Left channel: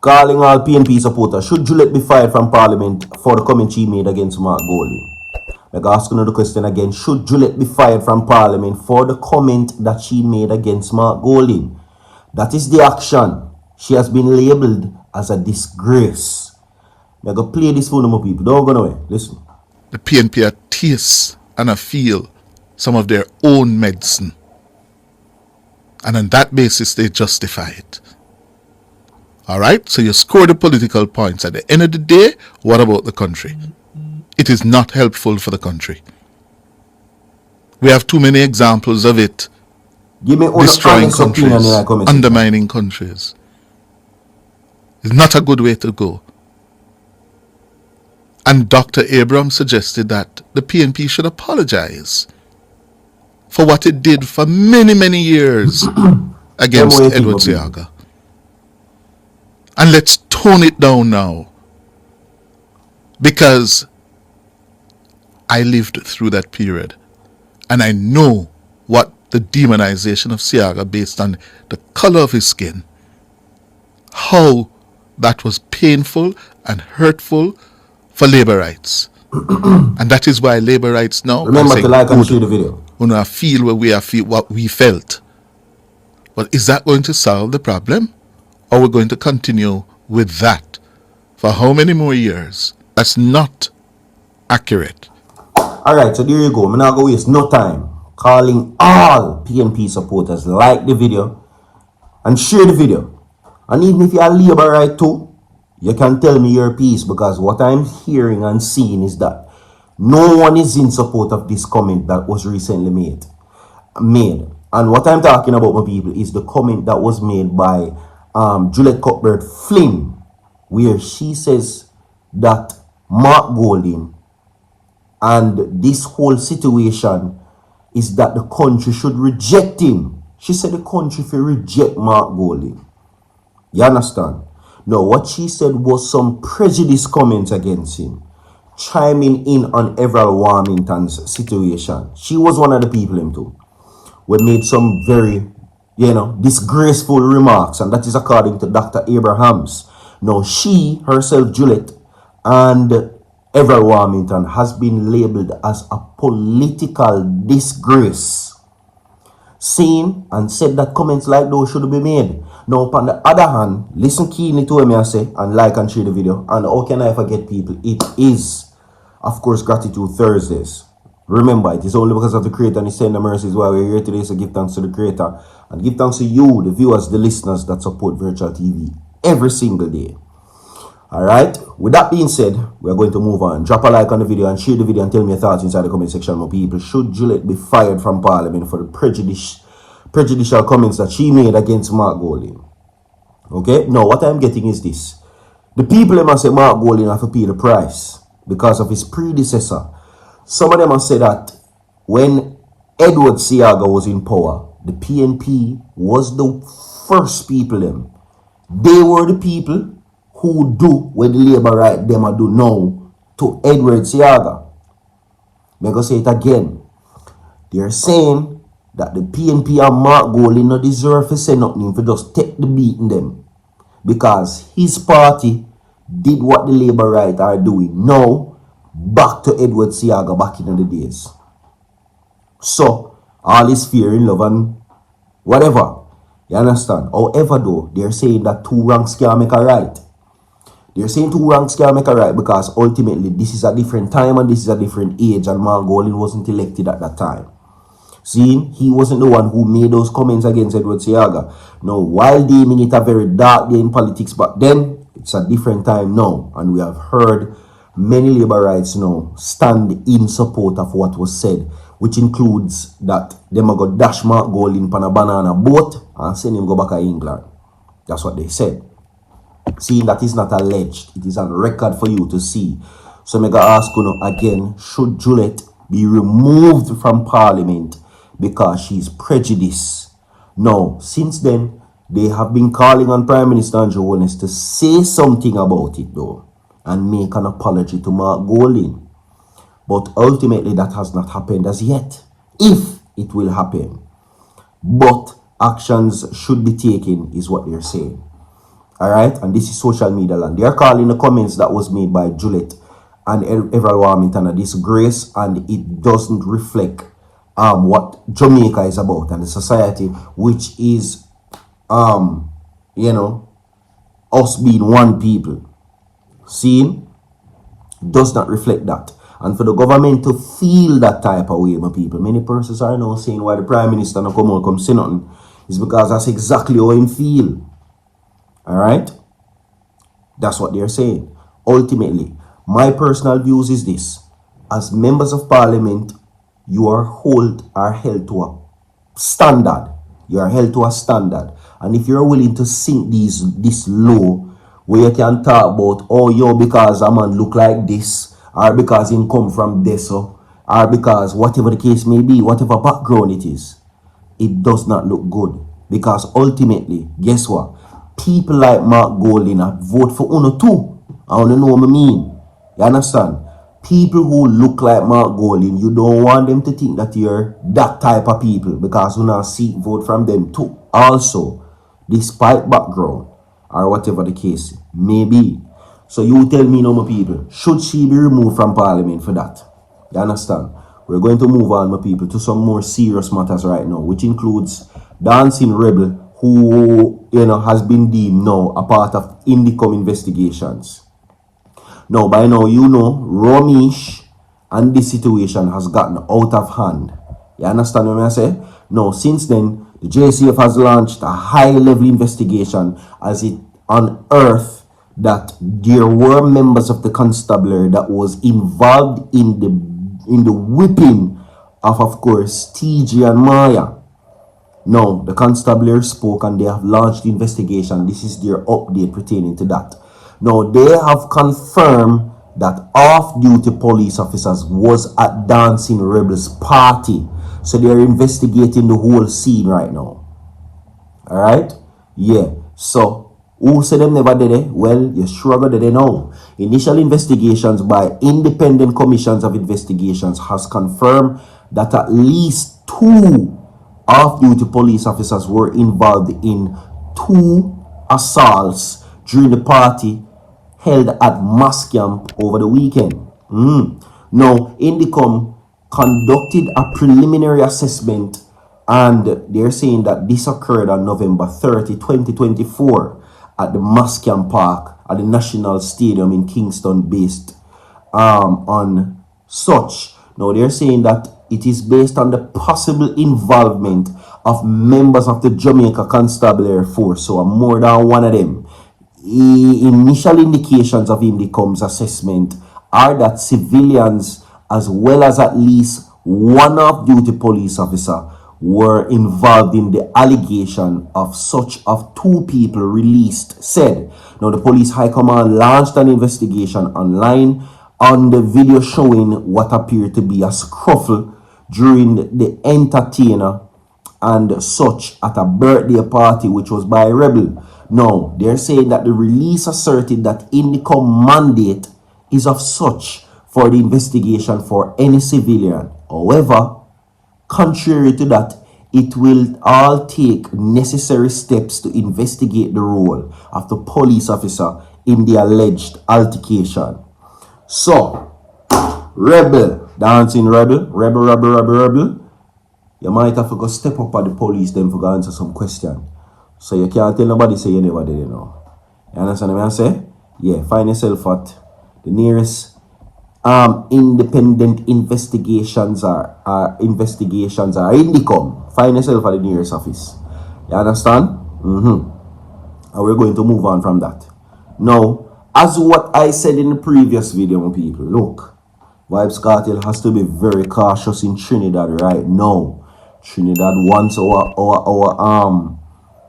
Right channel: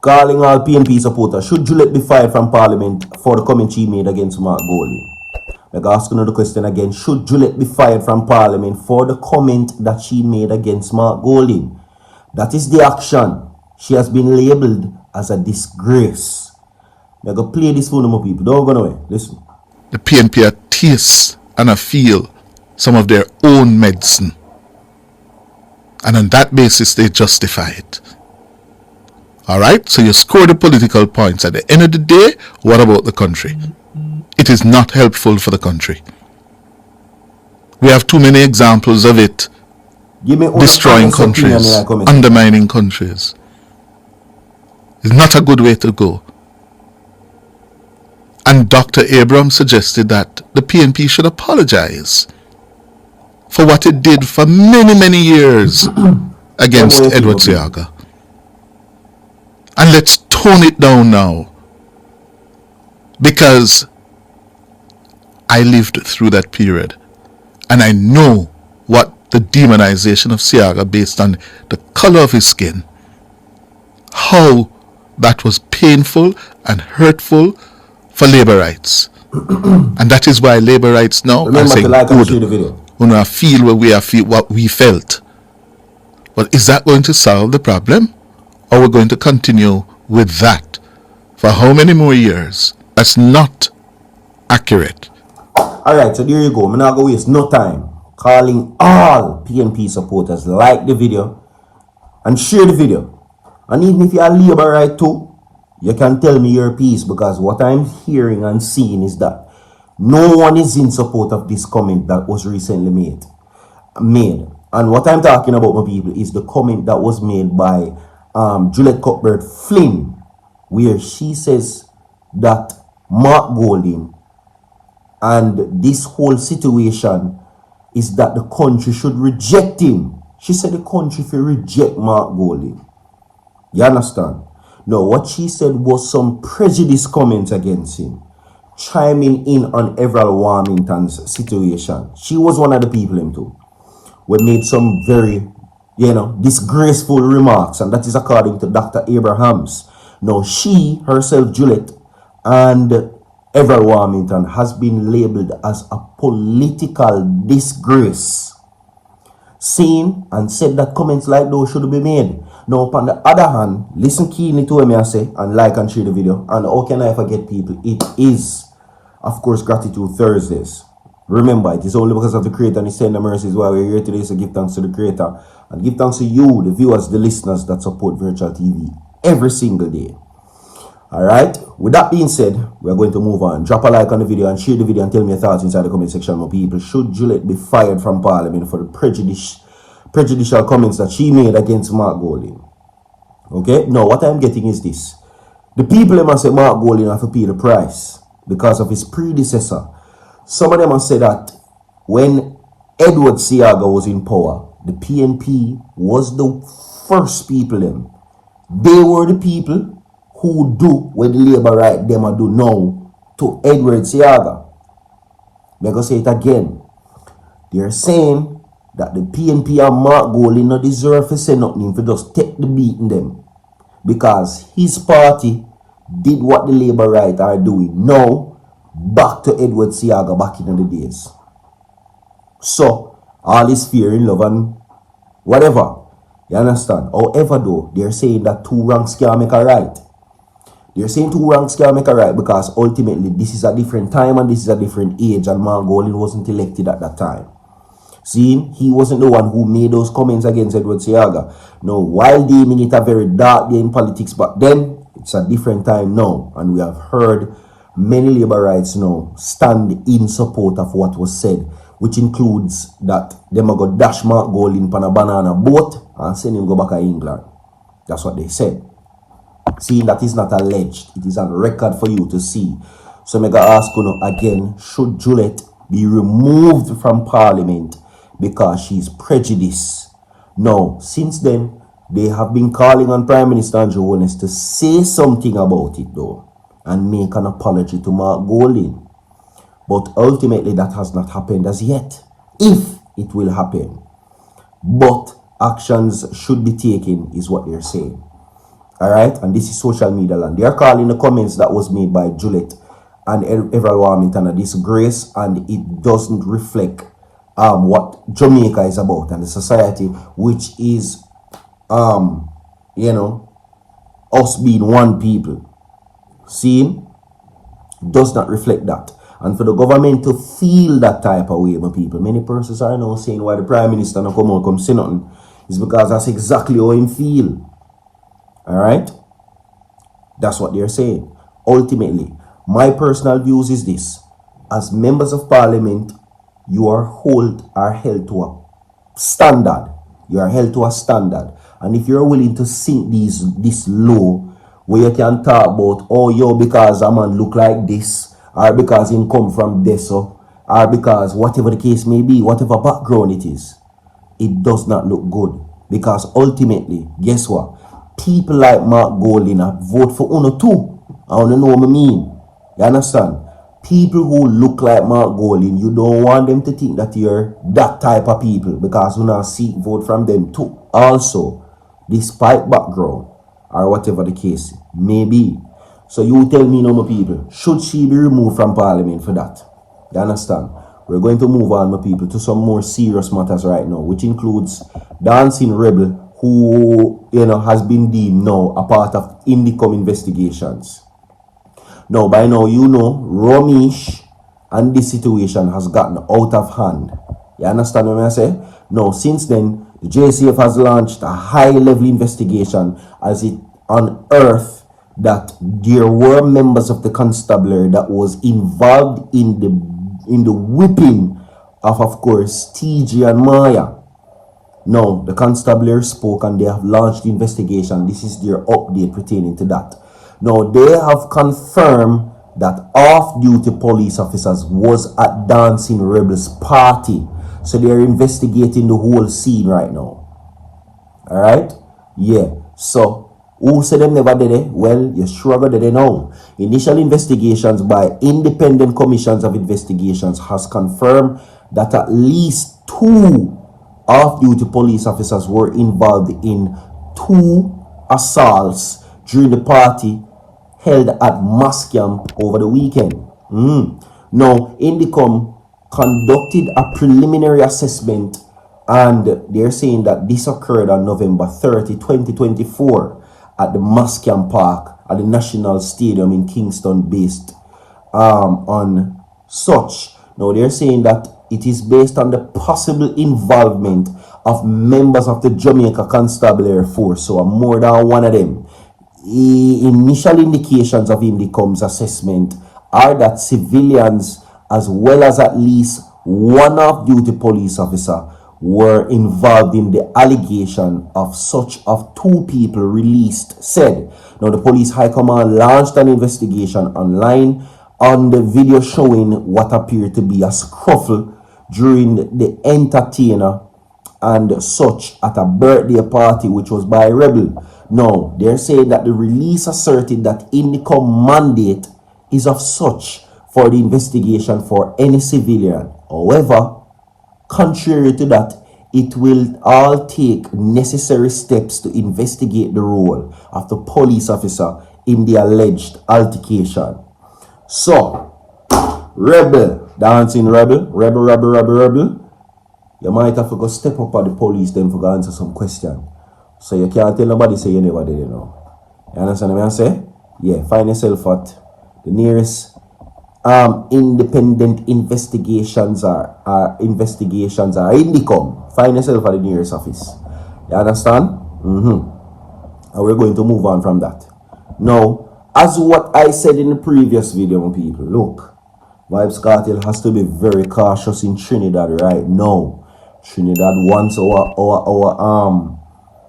calling all PNP supporters, should Juliet be fired from Parliament for the comment she made against Mark Golding? Like asking the question again, should Juliet be fired from Parliament for the comment that she made against Mark Golding? That is the action. She has been labeled as a disgrace. They're going to play this for more people. Don't go nowhere. Listen. The PNP are taste and a feel some of their own medicine. And on that basis, they justify it. Alright, so you score the political points. At the end of the day, what about the country? It is not helpful for the country. We have too many examples of it destroying countries, undermining countries. It's not a good way to go. And Dr. Abrams suggested that the PNP should apologize for what it did for many, many years against Edward Seaga. And let's tone it down now. Because I lived through that period. And I know what the demonization of Seaga based on the color of his skin, how that was painful and hurtful for labor rights. And that is why labor rights now are saying, good, we feel what we felt. But is that going to solve the problem? Or we're going to continue with that for how many more years? That's not accurate. Alright, so there you go. I'm not going to waste no time calling all PNP supporters, like the video and share the video. And even if you are labor right too, you can tell me your piece, because what I'm hearing and seeing is that no one is in support of this comment that was recently made. And what I'm talking about, my people, is the comment that was made by Juliet Cuthbert Flynn, where she says that Mark Golding and this whole situation is that the country should reject him. She said the country should reject Mark Golding. You understand? Now, what she said was some prejudice comments against him, chiming in on Everald Warmington's situation. She was one of the people in too. We made some very, disgraceful remarks, and that is according to Dr. Abrahams. Now, she herself, Juliet, and Everald Warmington has been labeled as a political disgrace, saying and said that comments like those should be made. Now, upon the other hand, listen keenly to what I say and like and share the video. And how can I forget, people? It is, of course, Gratitude Thursdays. Remember, it is only because of the Creator and His tender mercies why we're here today. So give thanks to the Creator and give thanks to you, the viewers, the listeners that support Virtual TV every single day. Alright, with that being said, we're going to move on. Drop a like on the video and share the video and tell me your thoughts inside the comment section, my people. Should Juliet be fired from Parliament for the prejudicial comments that she made against Mark Golding? Okay, now what I'm getting is this. The people must say Mark Golding have to pay the price because of his predecessor. Some of them have said that when Edward Seaga was in power, the PNP was the first people them. They were the people who do what the labor right them and do now to Edward Seaga. They're going to say it again. They're saying that the PNP and Mark Golding not deserve to say nothing for just take the beating them. Because his party did what the labor right are doing. Now, back to Edward Seaga back in the days. So, all this fear in love and whatever. You understand? However though, they're saying that two ranks can make a right. They're saying two ranks can make a right because ultimately this is a different time and this is a different age, and Mark Golding wasn't elected at that time. Seeing, he wasn't the one who made those comments against Edward Seaga. Now, while deeming it a very dark day in politics back then, it's a different time now, and we have heard many labor rights now stand in support of what was said, which includes that them go dash Mark Golding on a banana boat and send him go back to England. That's what they said. See, that is not alleged. It is a record for you to see. So I'm going to ask you again, should Juliet be removed from Parliament because she's prejudiced? No. Since then, they have been calling on Prime Minister Holness to say something about it though, and make an apology to Mark Golding. But ultimately, that has not happened as yet. If it will happen. But actions should be taken, is what they're saying. Alright, and this is social media land. They are calling the comments that was made by Juliet and Everal Warmington a disgrace, and it doesn't reflect what Jamaica is about and the society, which is you know, us being one people. See, does not reflect that. And for the government to feel that type of way, my people, many persons are now saying why the Prime Minister not come out come say nothing, is because that's exactly how him feel. Alright? That's what they're saying. Ultimately, my personal views is this. As members of parliament, you are held to a standard. You are held to a standard. And if you're willing to sink this low, where you can talk about, oh, yo, because a man look like this, or because him come from this, or because whatever the case may be, whatever background it is, it does not look good. Because ultimately, guess what? People like Mark Golding vote for Uno too. I don't know what I mean. You understand? People who look like Mark Golding, you don't want them to think that you're that type of people, because you now seek vote from them too. Also, despite background, or whatever the case may be. So you tell me, no more people, should she be removed from parliament for that? You understand? We're going to move on, my people, to some more serious matters right now, which includes Dancing Rebel, who, you know, has been deemed now a part of Indicom investigations. Now, by now, you know, Romish and this situation has gotten out of hand. You understand what I say? Now, since then, the JCF has launched a high-level investigation as it unearthed that there were members of the constabulary that was involved in the whipping of course, TJ and Maya. Now, the constabulary spoke and they have launched the investigation. This is their update pertaining to that. Now, they have confirmed that off-duty police officers was at Dancing Rebels party. So they are investigating the whole scene right now. Alright? Yeah. So, who said them never did it? Well, you struggle did it now. Initial investigations by independent commissions of investigations has confirmed that at least 2 off-duty police officers were involved in 2 assaults during the party held at Mass Camp over the weekend. Now, Indicom conducted a preliminary assessment, and they're saying that this occurred on November 30, 2024 at the Mass Camp Park at the National Stadium in Kingston based on such. Now, they're saying that it is based on the possible involvement of members of the Jamaica Constabulary Force, so more than one of them. Initial indications of Indicom's assessment are that civilians, as well as at least one off-duty police officer, were involved in the allegation of such of 2 people released, said. Now, the police high command launched an investigation online on the video showing what appeared to be a scuffle during the entertainer and such at a birthday party which was by a rebel. Now, they're saying that the release asserted that Indicom mandate is of such for the investigation for any civilian. However, contrary to that, it will all take necessary steps to investigate the role of the police officer in the alleged altercation. So, rebel, Dancing Rebel, rebel. You might have to go step up at the police then for go answer some question. So you can't tell nobody say you never did it now. You understand what I say? Yeah, find yourself at the nearest independent investigations are Indicom. Find yourself at the nearest office. You understand? And we're going to move on from that. Now, as what I said in the previous video, people, look, Vybz Kartel has to be very cautious in Trinidad right now. Trinidad wants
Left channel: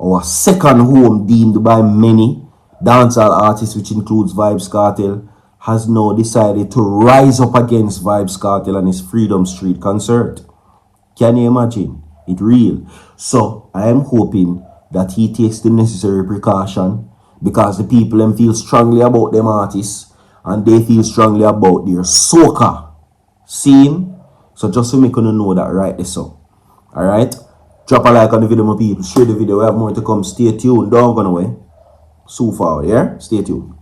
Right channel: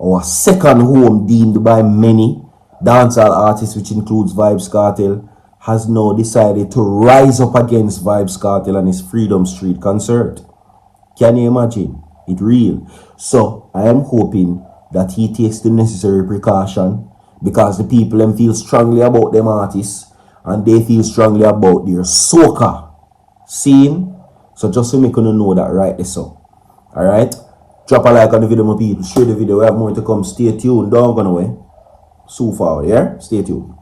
our second home, deemed by many dancehall artists, which includes Vybz Kartel, has now decided to rise up against Vybz Kartel and his Freedom Street concert. Can you imagine? It's real. So I am hoping that he takes the necessary precaution, because the people them feel strongly about them artists and they feel strongly about their soca. See him? So just to make you know that right there, so. Alright? Drop a like on the video, my people. Share the video. We have more to come. Stay tuned. Don't go away. sue forward, yeah? Stay tuned.